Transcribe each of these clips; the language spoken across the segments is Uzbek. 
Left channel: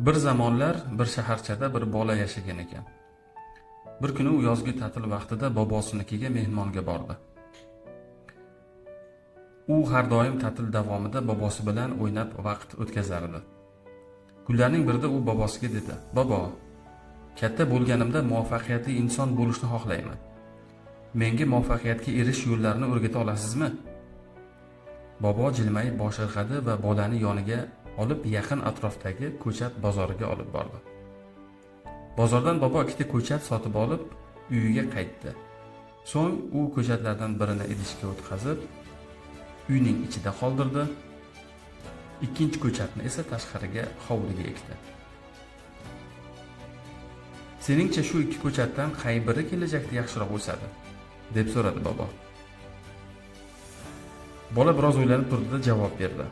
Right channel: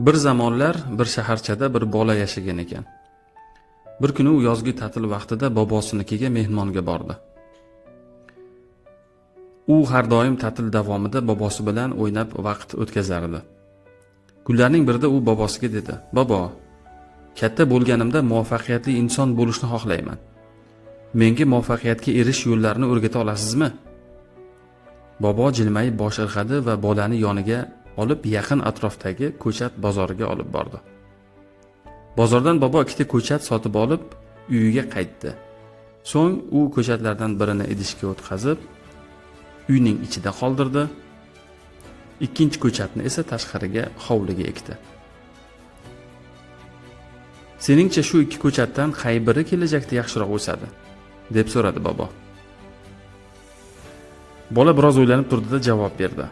Bir zamonlar bir shaharchada bir bola yashagan ekan. Bir kuni u yozgi ta'til vaqtida bobosinikiga mehmonga bordi. U har doim ta'til davomida bobosi bilan o'ynab vaqt o'tkazardi. Kunlarning birida u bobosiga dedi: "Bobo, katta bo'lganimda muvaffaqiyatli inson bo'lishni xohlayman. Menga muvaffaqiyatga erishish yo'llarini o'rgata olasizmi?" Bobo jilmayib bosh irg'adi va bolani yoniga olib yaqin atrofdagi ko'chat bozoriga olib bordi. Bozordan bobo ikkita ko'chat sotib olib, uyiga qaytdi. So'ng u ko'chatlardan birini idishga o'tkazib, uyning ichida qoldirdi. Ikkinchi ko'chatni esa tashqariga hovliga ekdi. "Seningcha shu ikki ko'chatdan qaybiri kelajakda yaxshiroq o'sadi?" deb so'radi bobo. Bola biroz o'ylanib turdi-da javob berdi:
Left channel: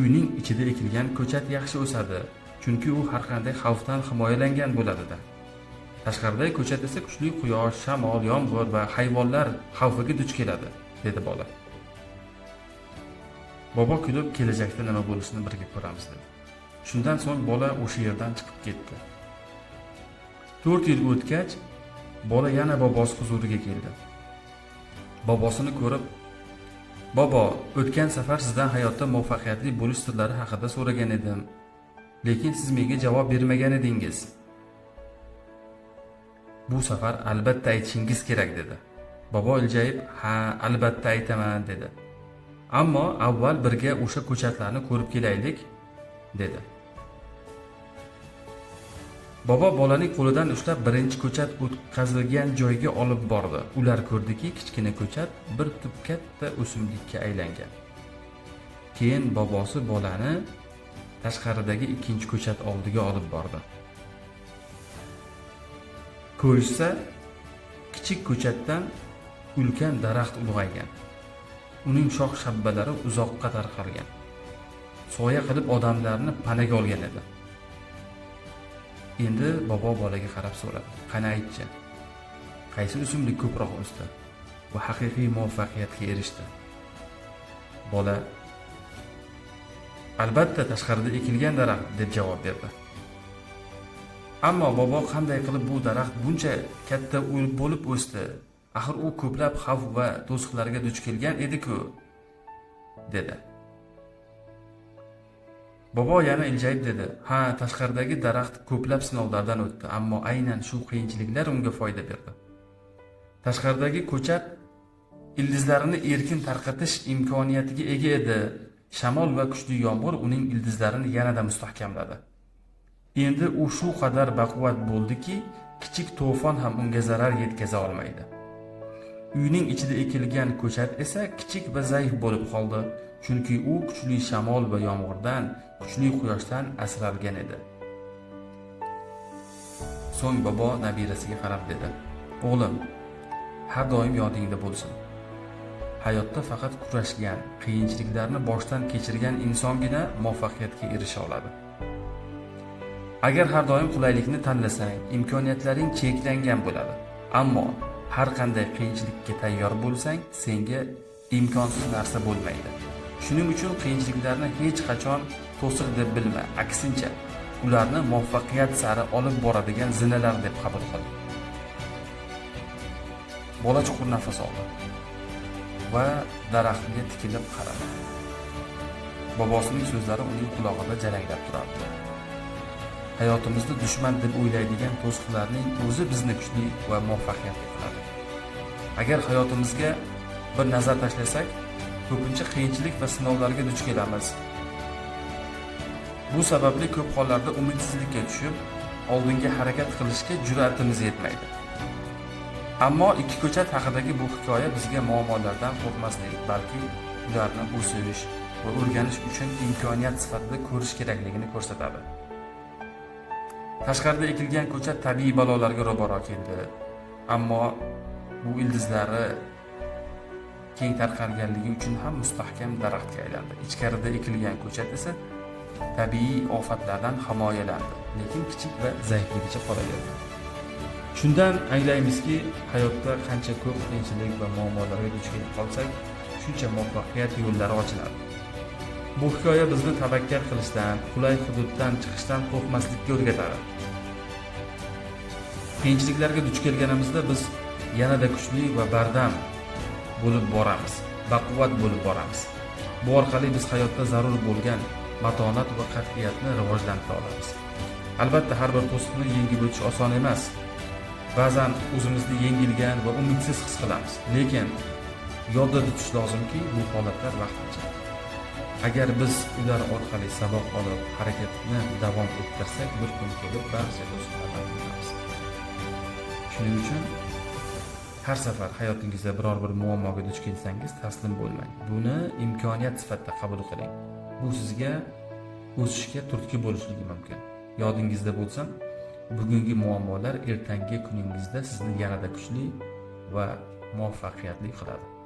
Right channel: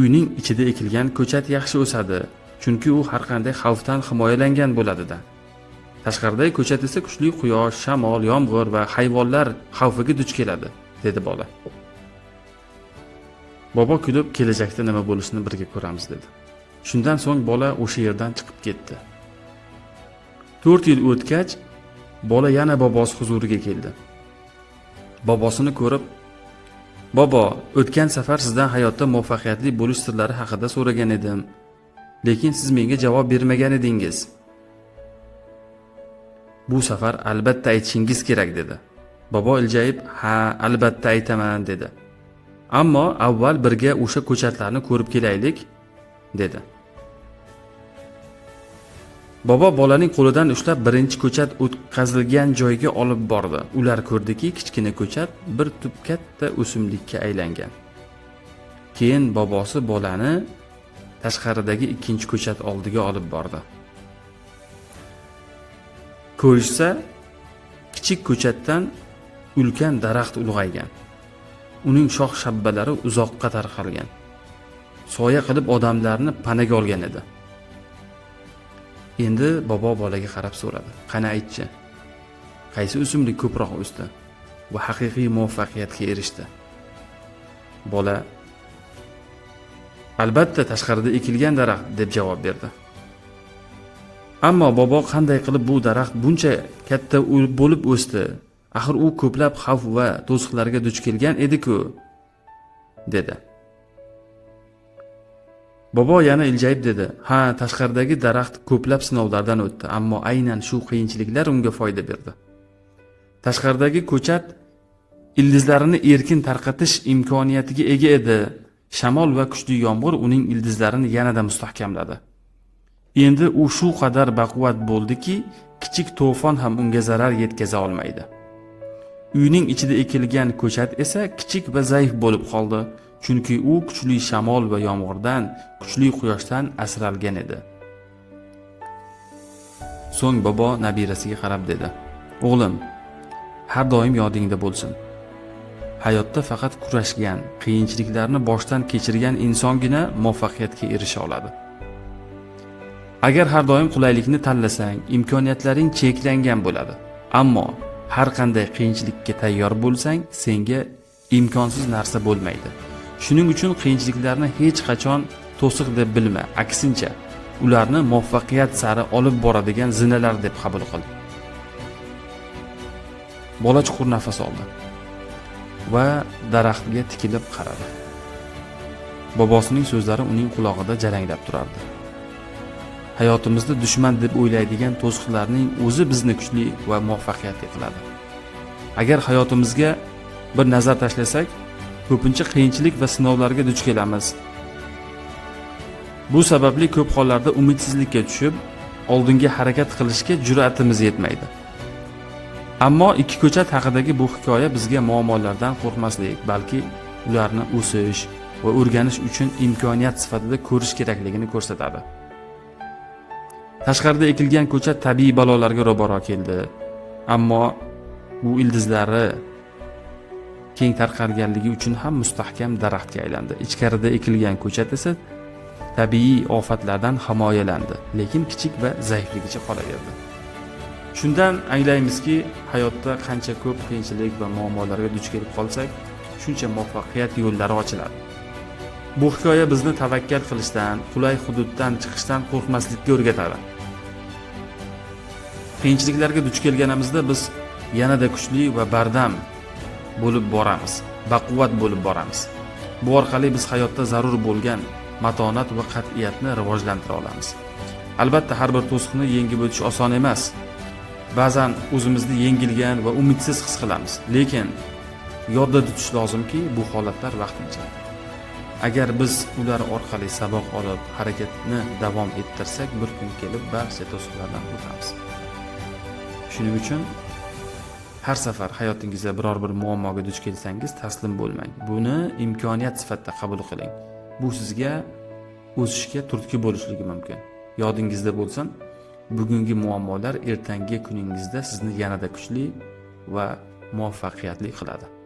"Uyning ichida ekilgan ko'chat yaxshi o'sadi, chunki u har qanday xavfdan himoyalangan bo'ladi-da. Tashqaridagi ko'chat esa kuchli quyosh, shamol, yomg'ir va hayvonlar xavfiga duch keladi", dedi bola. Bobo kulib, "Kelajakda nima bo'lishini birga ko'ramiz", dedi. Shundan so'ng bola o'sha yerdan chiqib ketdi. 4 yil o'tgach, bola yana bobosi huzuriga keldi. Bobosini ko'rib: "Bobo, o'tgan safar sizdan hayotda muvaffaqiyatli bo'lish sirlari haqida so'ragan edim, lekin siz menga javob bermagan edingiz. Bu safar albatta aytishingiz kerak", dedi. Bobo iljayib: "Ha, albatta aytaman", dedi. "Ammo avval birga o'sha ko'chatlarni ko'rib kelaylik", dedi. Bobo bolaning qo'lidan ushlab birinchi ko'chat o'tkazilgan joyga olib bordi. Ular ko'rdiki, kichkina ko'chat bir tup katta o'simlikka aylangan. Keyin bobosi bolani tashqaridagi ikkinchi ko'chat oldiga olib bordi. Ko'rishsa, kichik ko'chatdan ulkan daraxt ulg'aygan. Uning shox-shabbalari uzoqqa tarqalgan. Soya qilib odamlarni panaga olgan edi. Endi bobo bolaga qarab so'radi: "Qani aytchi, qaysi o'simlik ko'proq o'sdi va haqiqiy muvaffaqiyatga erishdi?" Bola: "Albatta tashqarida ekilgan daraxt", deb javob berdi. "Ammo bobo, qanday qilib bu daraxt buncha katta bo'lib o'sdi? Axir u ko'plab xavf va to'siqlarga duch kelgan edi-ku", dedi. Bobo yana iljayib dedi: "Ha, tashqaridagi daraxt ko'plab sinovlardan o'tdi, ammo aynan shu qiyinchiliklar unga foyda berdi. Tashqaridagi ko'chat ildizlarini erkin tarqatish imkoniyatiga ega edi. Shamol va kuchli yomg'ir uning ildizlarini yanada mustahkamladi. Endi u shu qadar baquvvat bo'ldiki, kichik to'fon ham unga zarar yetkaza olmaydi. Uyning ichida ekilgan ko'chat esa kichik va zaif bo'lib qoldi, chunki u kuchli shamol va yomg'irdan, kuchli quyoshdan asralgan edi." So'ng bobo nabirasiga qarab dedi: "O'g'lim, har doim yodingda bo'lsin. Hayotda faqat kurashgan, qiyinchiliklarni boshdan kechirgan insongina muvaffaqiyatga erisha oladi. Agar har doim qulaylikni tanlasang, imkoniyatlaring cheklangan bo'ladi. Ammo har qanday qiyinchilikka tayyor bo'lsang, senga imkonsiz narsa bo'lmaydi. Shuning uchun qiyinchiliklarni hech qachon to'siq deb bilma, aksincha, ularni muvaffaqiyat sari olib boradigan zinalar deb qabul qil." Bola chuqur nafas oldi va daraxtga tikilib qaradi. Bobosining so'zlari uning quloqida jaranglab turardi. Hayotimizda dushman deb o'ylaydigan to'siqlarning o'zi bizni kuchli va muvaffaqiyatli qiladi. Agar hayotimizga bir nazar tashlasak, ko'pincha qiyinchilik va sinovlarga duch kelamiz. Bu sababli ko'p hollarda umidsizlikka tushib, oldinga harakat qilishga jur'atimiz yetmaydi. Ammo ikki ko'chat haqidagi bu hikoya bizga muammolardan qo'rqmaslik, balki ularni o'sish va o'rganish uchun imkoniyat sifatida ko'rish kerakligini ko'rsatadi. Tashqarida ekilgan ko'chat tabiiy balolarga ro'baro keldi, ammo bu ildizlari keng tarqalganligi uchun ham mustahkam daraxtga aylandi. Ichkarida ekilgan ko'chat esa tabiiy ofatlardan himoyalandi, lekin kichik va zaifligicha qolaverdi. Shundan anglaymizki, hayotda qancha ko'p qiyinchilik va muammolarga duch kelib qolsak, shuncha muvaffaqiyat yo'llari ochiladi. Bu hikoya bizni tavakkal qilishdan, qulay hududdan chiqishdan qo'rqmaslikka o'rgatadi. Qiyinchiliklarga duch kelganimizda biz yanada kuchli va bardam bo'lib boramiz, baquvvat bo'lib boramiz. Bu orqali biz hayotda zarur bo'lgan matonat va qat'iyatni rivojlantira olamiz. Albatta, har bir to'siqni yengib o'tish oson emas. Ba'zan o'zimizni yengilgan va umidsiz his qilamiz, lekin yodda tutish lozimki, bu holatlar vaqtinchalik. Agar biz ular orqali saboq olib, harakatni davom ettirsak, bir kun kelib barcha to'siqlardan qutulamiz. Shuning uchun har safar hayotingizda biror bir muammoga duch kelsangiz, taslim bo'lmang. Buni imkoniyat sifatida qabul qiling. Bu sizga o'sishga turtki bo'lishligi mumkin. Yodingizda bo'lsin, bugungi muammolar ertangi kuningizda sizni yanada kuchli va muvaffaqiyatli qiladi.